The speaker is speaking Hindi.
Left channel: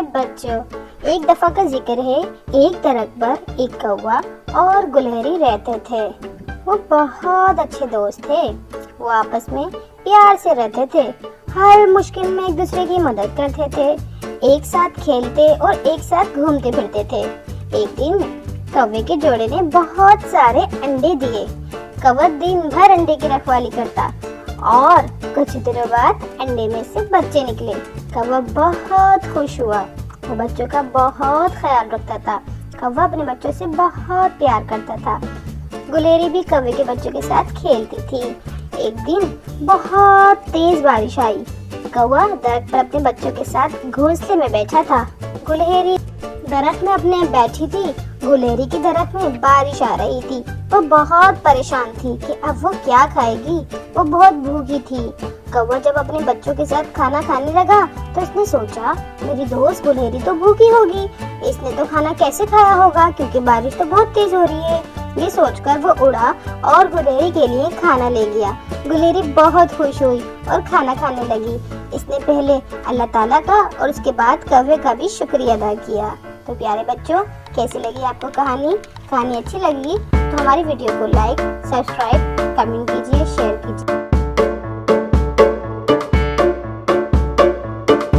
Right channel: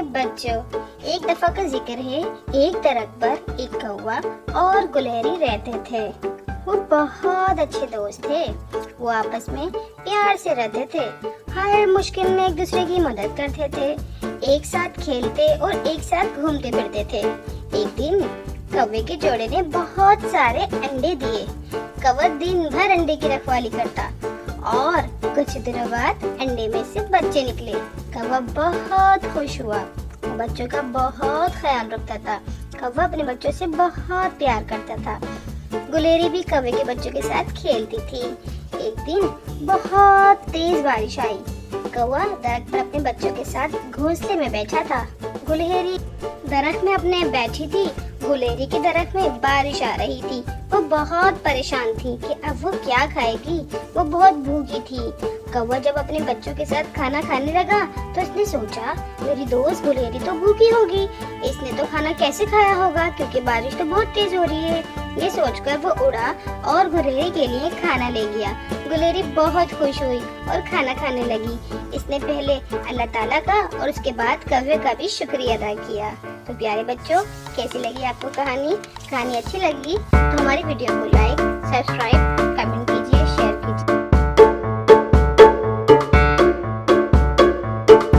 प्यारे बच्चों, एक दफा का जिक्र है। एक दरख्त पर एक कौवा और गुलहरी रहते थे। वो बहुत अच्छे दोस्त थे। वो आपस में प्यार से रहते थे। हर मुश्किल में एक दूसरे की मदद करते थे। एक साथ खेलते और एक साथ घूमते फिरते थे। एक दिन कौवे के जोड़े ने बहुत सारे अंडे दिए। कौवा दिन भर अंडे की रखवाली करता और कुछ दिनों बाद अंडे में से बच्चे निकले। कौवा बहुत खुश हुआ। वो बच्चों का बहुत ख्याल रखता था। कौवा अपने बच्चों से बहुत प्यार करता था। गुलहरी भी कौवे के बच्चों के साथ खेलती थी। एक दिन बहुत तेज बारिश आई। कौवा दरख्त पर अपने बच्चों के साथ घोंसले में बैठा था। गुलहरी दरख्त में अपने बैठी थी। गुलहरी की दरख्त में बारिश आ रही थी। वो बहुत परेशान थी कि अब वो क्या खाएगी। वो बहुत भूखी थी। कौवा जब अपने बच्चों के साथ खाना खाने लगा तो उसने सोचा, मेरी दोस्त गुलहरी तो भूखी होगी, इसने तो खाना कैसे खाया होगा क्योंकि बारिश तो बहुत तेज हो रही है। ये सोचकर वो उड़ा और गुलहरी के लिए खाना ले गया। गुलहरी बहुत खुश हुई और खाना खाने लगी। इसने पहले अल्लाह ताला का और उसके बाद कौवे का भी शुक्रिया अदा किया। तो प्यारे बच्चों, कैसी लगी आपको कहानी? कहानी अच्छी लगी तो हमारी वीडियो को लाइक, सब्सक्राइब, कमेंट